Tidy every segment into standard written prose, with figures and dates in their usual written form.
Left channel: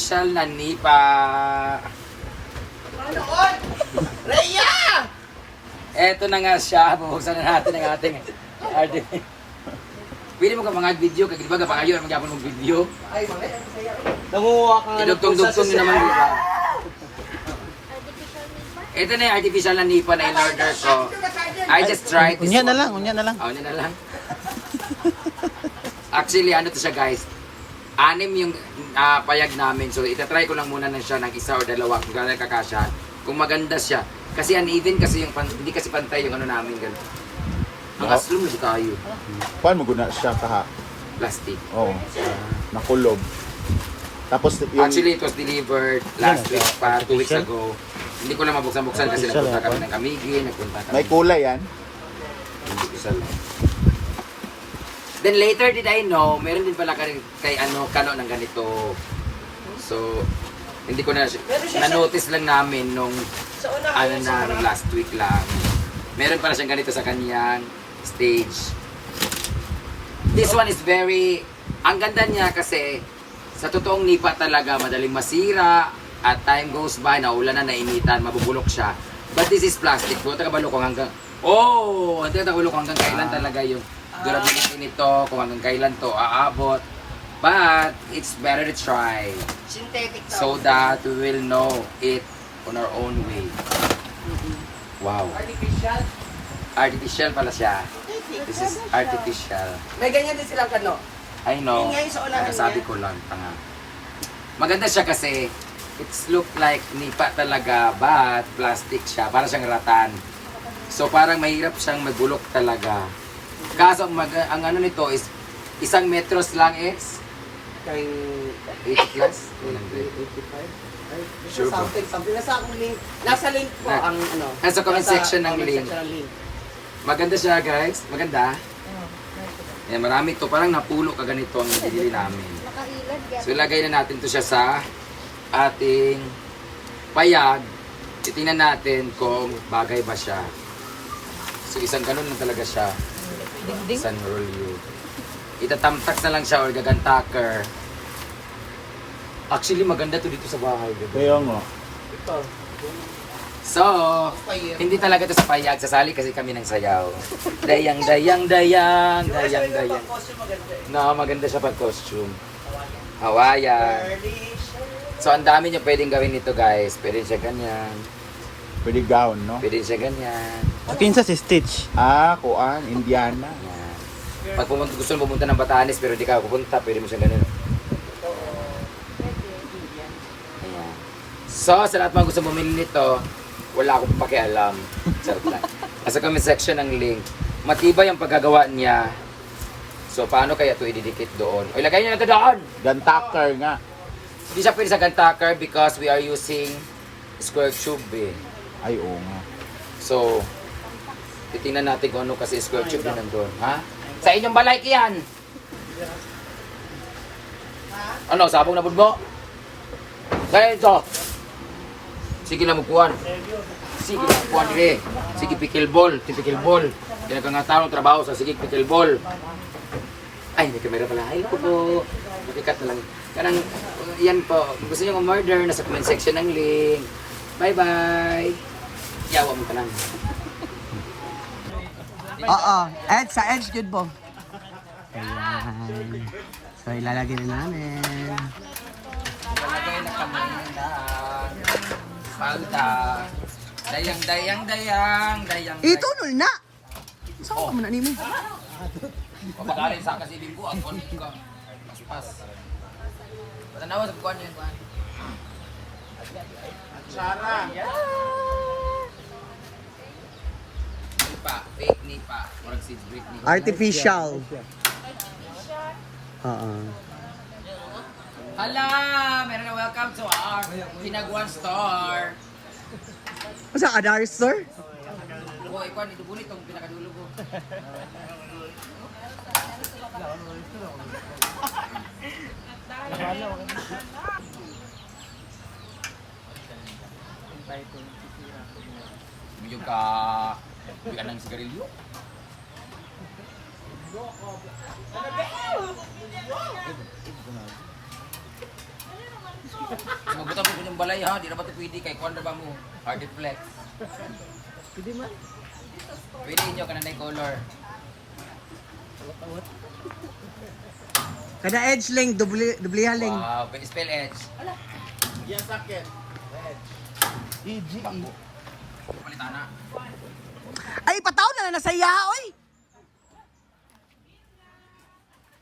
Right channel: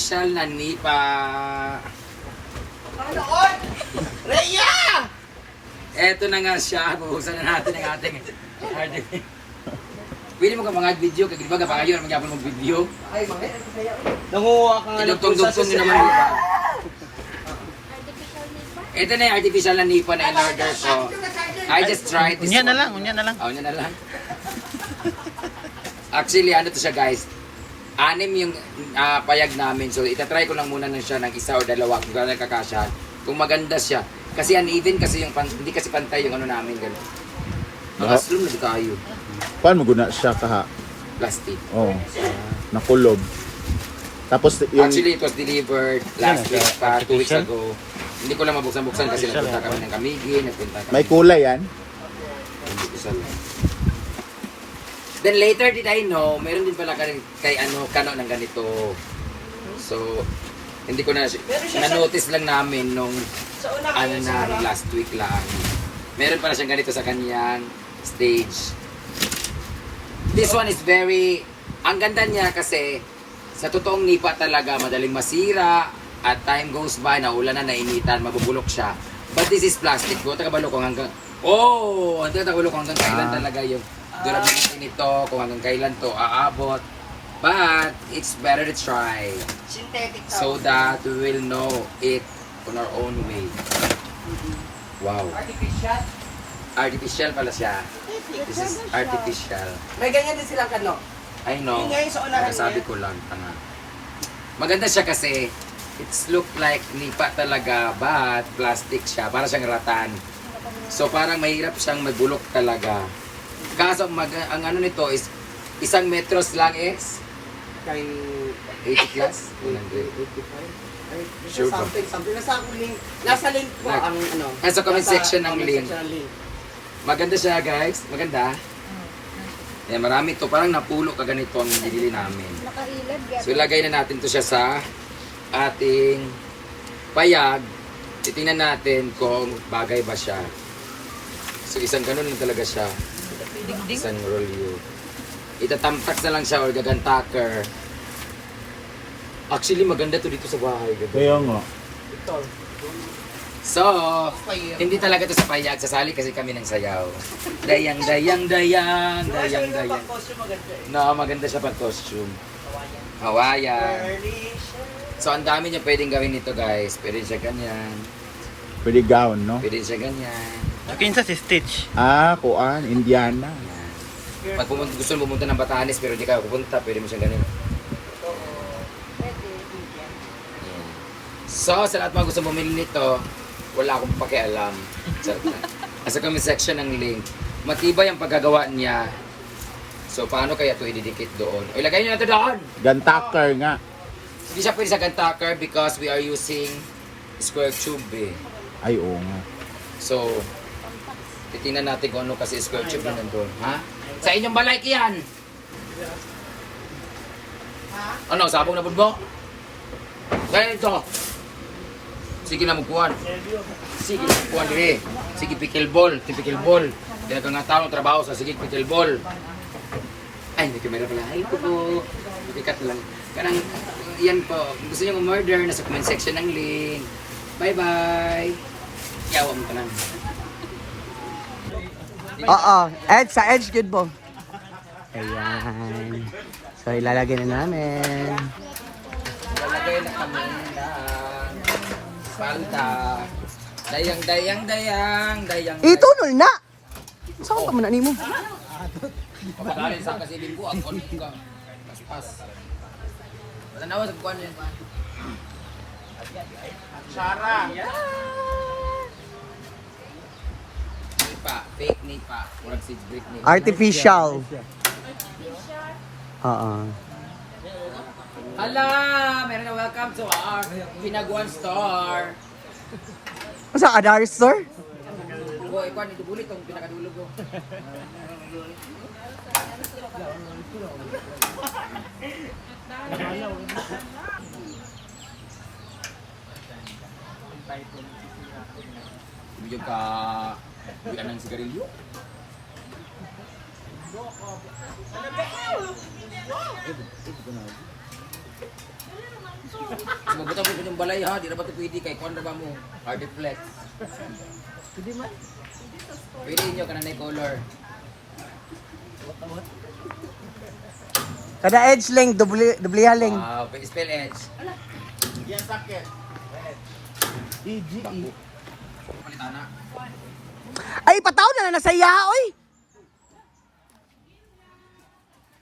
artificial na nipa. Rhea! Eto na nga siya. Bubusan na natin ang ating artificial. Pwede mo ka mga video, kaya di ba kapangayon magyapon mong video? Ay, mami. Nanguha ka nga. Idugtong-dugtong nyo naman, di ba? Ito na yung artificial na nipa na in-order ko. I just tried this Unya na one. lang, unya na lang. Oh, unya na lang. Actually, ano to siya guys? 6 yung payag namin. So, itatry ko lang muna na siya ng 1 or 2 kung gano'n kakasya. Kung maganda siya. Kasi uneven kasi yung, hindi kasi pantay yung ano namin. Gano'n. Ang aslum na tayo. Paano mo guna siya kaha? Plastic. Oh, nakulob. Tapos yung... Actually, it was delivered last week pa, 2 weeks ago. Hindi ko lang mabuksan-buksan kasi nagpunta kami ng Kamigi, nagpunta kami. may kulay yan. Hindi ko sa Then later did I know, meron din pala kay Kano ng ganito. So, hindi ko na-notice lang namin nung last week lang. Meron pala siyang ganito sa kanyang stage. This one is ang ganda niya kasi sa totoong nipa talaga, madaling masira at time goes by, naulan na, nainitan, mabubulok siya. But this is plastic. Buta ka balo kung hanggang hanggang kailan talaga yung durability nito, kung hanggang kailan to aabot. But it's better to try Synthetic so that we will know it on our own way. Wow. Artificial. Artificial pala siya. This is artificial. May ganyan din silang kano. I know. Yung ngayon sa unahan Nakasabi niya. ko lang. Tanga. Maganda siya kasi it's look like nipa talaga but plastic siya. Para siyang ratan. So parang mahirap siyang magbulok talaga. Kaso ang ano nito is 1 metros lang is Kayo... 80 plus? 100. Sure ba? Something. Nasa akong link. Nasa link ko ang ano. Nasa comment section ng comment link. section ng link. Maganda siya guys. Maganda. Eh, marami to. Parang napulo ka ganito ang binili namin. So ilagay na natin to siya sa ating payag. Titingnan natin kung bagay ba siya. So isang ganun lang talaga siya. Isang rolyo. Itatamtak na lang siya or gagantaker. Actually maganda to dito sa bahay. Diba? Kaya nga. So, hindi talaga to sa payag. Sasali kasi kami ng sayaw. Dayang. No, maganda siya pag costume. Hawaiian. So, ang dami niyo pwedeng gawin nito guys. Pwede siya ganyan. Pwede gown, no? Pwede siya ganyan. Kinsa si Stitch. Ah, kuan, Indiana. Yan. Pag gusto mo pumunta ng Batanes pero hindi ka pupunta, pwede mo siya ganun. Ayan. So, sa lahat mga gusto bumili nito, wala akong pakialam. Charot lang. Nasa comment section ng link. Matibay ang paggagawa niya. So, paano kaya ito ididikit doon? O, ilagay niyo na ito doon! Gantaker nga. Hindi siya pwede sa gantaker because we are using square tube eh. Ay, oo nga. So, titingnan natin kung ano kasi square tube yun nandun. Ha? Sa inyong balay yan! Ano, sabong na budbo? Kaya ito! Sige na magkuhan. Sige na magkuhan dire. Sige pickleball. Pickleball. Kaya ka nga tao trabaho sa sige pickleball. Ay, may camera pala. Ay, po po. Makikat na lang. Karang, yan po. Kung gusto nyo umorder, nasa comment section ng link. Bye-bye! Yawa mo ka lang. Oo, Edge, sa Edge good mo. Ayan. So ilalagay na namin. Lalagay na kami ng palda. Dayang. Itunol na! Saan ka muna nimo? Pagkakalin sa kasi linggo, ang kon ka. Paspas. Tanawa sa kuwan yan. Sarah! Nipa, fake nipa. Murag seed brick nipa. Artificial. Oo. Hala! Meron na welcome to our Pinaguan store. Sa Adar Store? Boy, ikaw ni Dubuli tong pinakadulo ko. Medyo ka buwian ng sigarilyo. Mabuta mo yung balay ha, di na ba ito pwede kay kuwan na ba mo? Hard flex. Pwede nyo ka na color. Kada edge length, dubli haling. Wow, pwede spell edge. Palitan na. Ay, pataw na nasa iya, oy.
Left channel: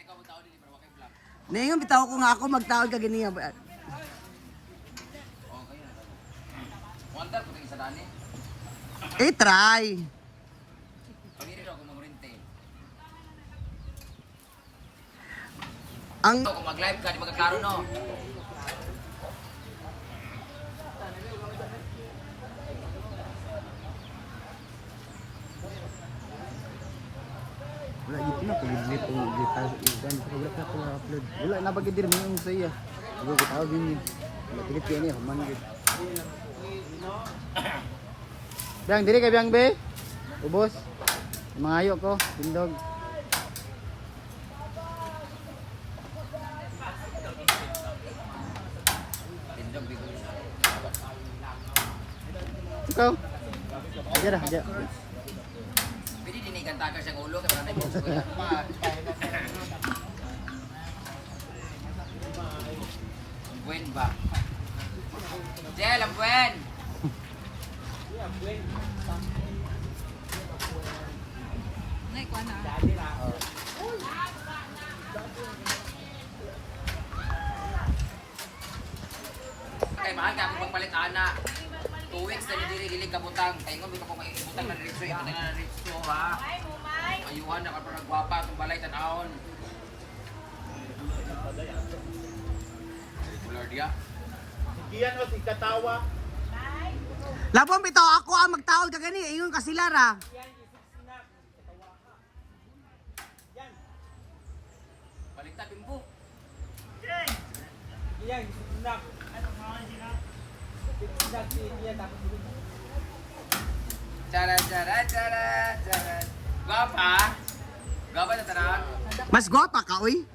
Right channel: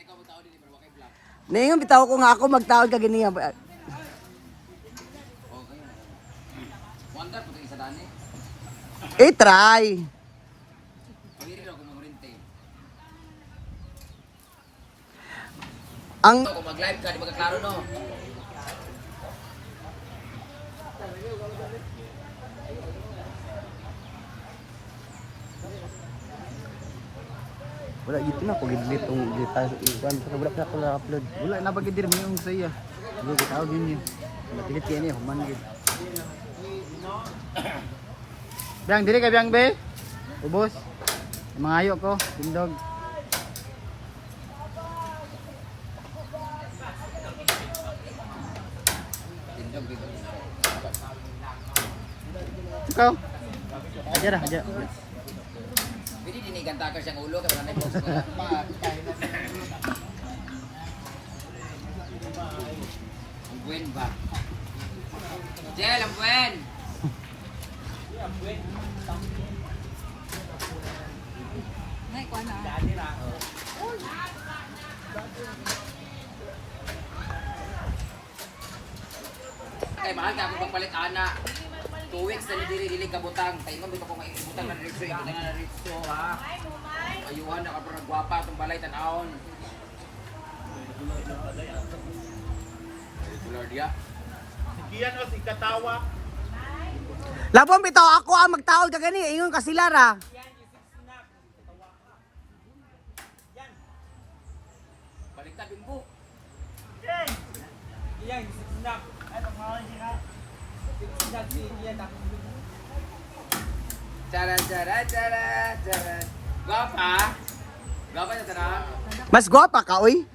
Ikaw mo tao din, pero wakay black. Ningon bitaw ko nga ako magtawag ka ganiya. Okay na. Wanda, kung isa daan eh. Try. Pagiri ako mamurinte. Ang Kung mag-live ka, di magkaklaro no? wala gid na ko gid tong data iwan pero wala pa ko na-upload. Wala na bagidir mo sa iya. Ano ko din yun. Pilipino yun. Mamigid. Bang, dili ka bang be? Ubos. Mangayo ko. Tindog. Tindog dito. Ikaw? Diyan na. Pwede dinigan tayo siyang ulo, kaya may box ko yan. Ang buwen ba? Jel, ang buwen! Nay, kuha na. Kay mahal ka akong pagpalit ana. 2 weeks na dili kabutang. Taingon bito ko ibutang na diretso, ibutang na diretso ha. Ayuhan na para gwapa tong balay tan-aon. Regular dia. Labong bitaw ako ang magtawag ka gani ingon ka sila ra. Baliktad bimbo. Cara. Gwapa? Gwapa na tarang? Mas gwapa ka oy.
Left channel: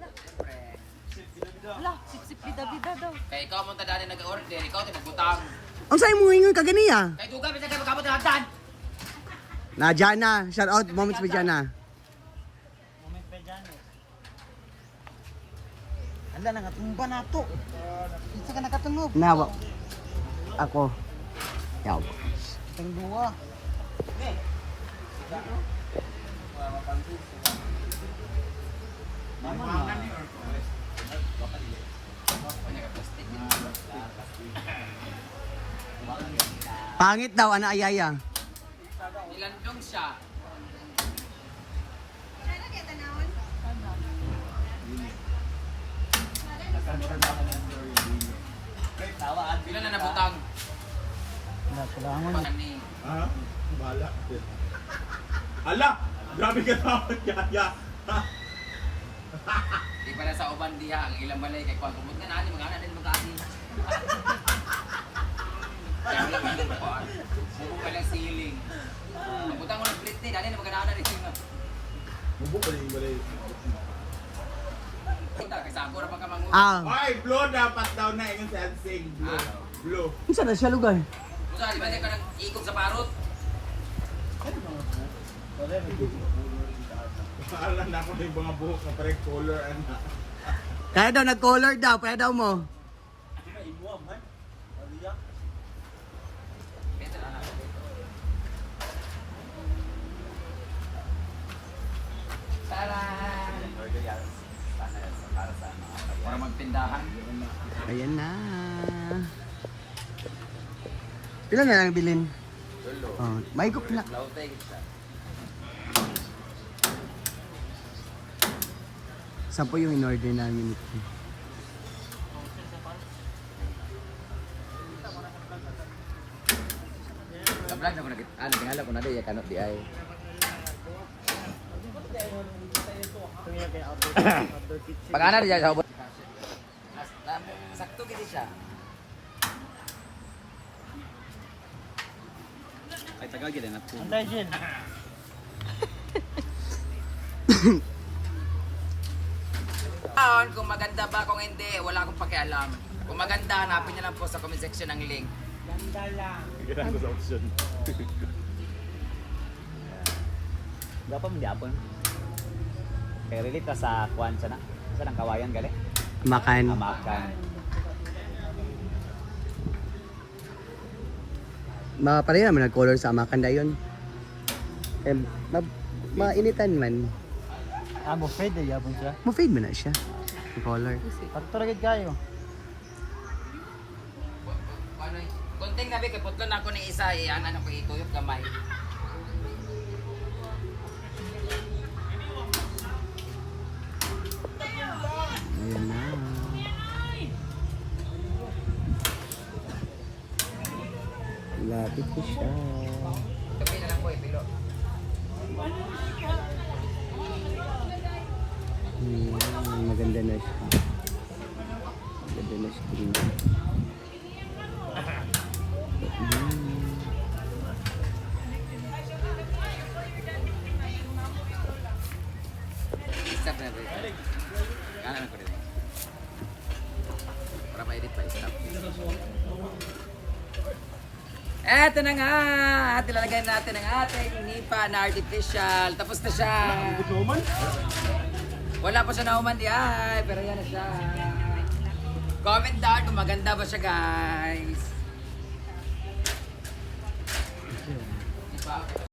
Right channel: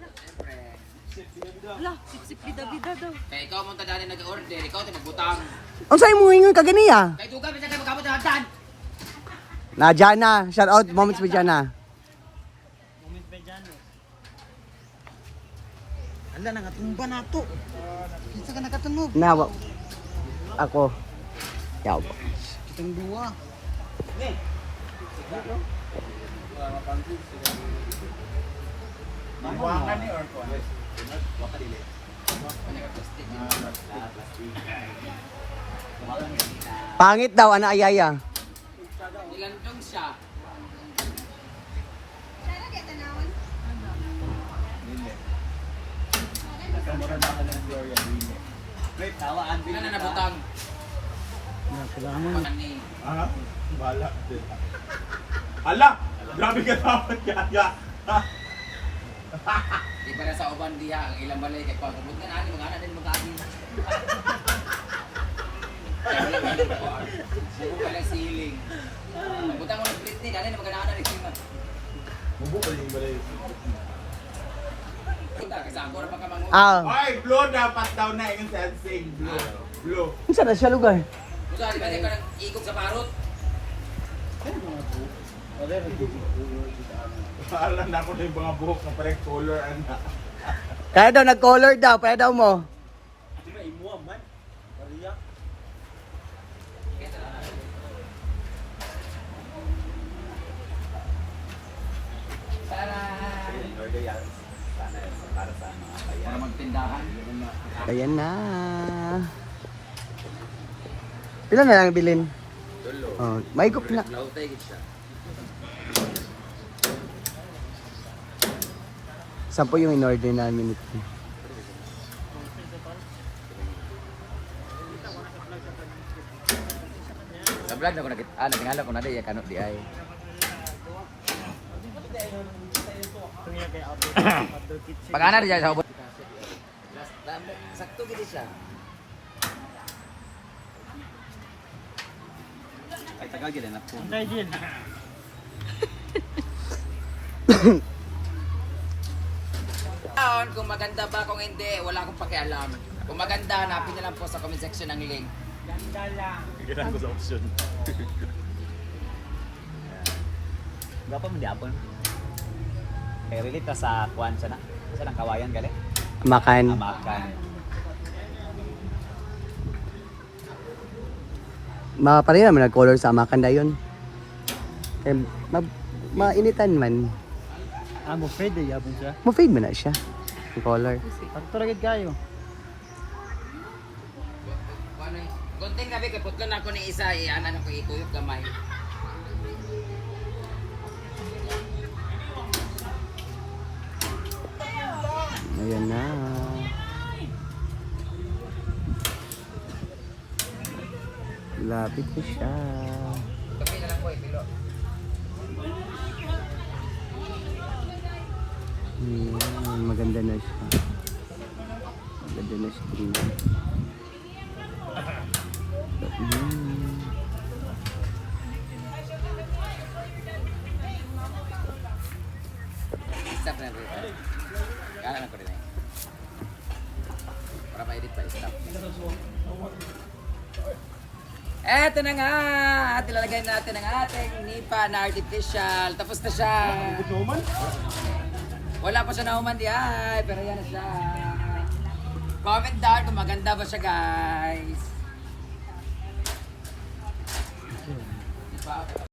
Siyempre. Ala, sip-sip bida-bida daw. Kaya ikaw mong tadaan nag-order, ikaw tayo magbutang. Unsay mo ingon ka gani ah? Kaya duga, bisa kayo magkabot ng hagdan. Na Jana, shout out moments with Jana. Ala, nangatumba na to. Isa ka nakatunog. Nawa. Ako. Yaw. Itong duwa. Pangit daw ana ayaya. Nilandong siya. Ilan na nabutang? Pakan ni. Ano? Bala. Ala! Grabe ka dapat kaya. Di pa na sa uban diha, ang ilang balay kay Kwan. Kumot nga nani, mag-ana din mag-ani. Kaya wala ka ng Kwan. Buko ka lang siling. Butang mo ng split ni, nani na mag-ana rin siya. Bubo ka yung balay. Kasi ako na pa ka manguha. Ah, Ay, blue dapat daw na yung sensing. Blue. Blue. unsa na siya lugar? Kung saan, di ba ka nang ikog sa parot? Alam na ako na yung mga buhok na parang color anak. Kaya daw nag-color daw, kaya daw mo. Para magtindahan. Ayan na. Pila na lang bilin? Oh, may gup na. Lautay gid siya. Sampo yung in-order namin ito. Sa vlog na ko nakita, nagingala ko na di, kanot di ay. Mag-ana rin sa ubot. Sakto gid siya. Ay tagal gid na po. Antay, Jin. Kung maganda ba kung hindi, wala akong pakialam. Kung maganda, hanapin niyo lang po sa comment section ang link. Gapa mo diapon. Kaya relate sa kuwan sa na. Sa nang kawayan gali. Makan. Makan. Pareho naman nag-color sa amakan na yun. Mainitan man. Ang afraid eh, yabon siya. Ma-fade man na siya. Ang color. Tapos ragid kayo. Gunting sabi, kaputlan ako ni isa, iyanan ako ituyok gamay. Ayan na. Lapit ko siya. Tupi na lang po, pilo. Maganda na siya. Maganda na siya. Stop na po. Kala na ko rin eh. Para ma-edit pa, stop. Eto na nga! At ilalagay natin ang ating nipa na artificial. Tapos na siya. Wala pa siya nauman di ay, pero yan na siya. Comment down kung maganda ba siya, guys. Nipa.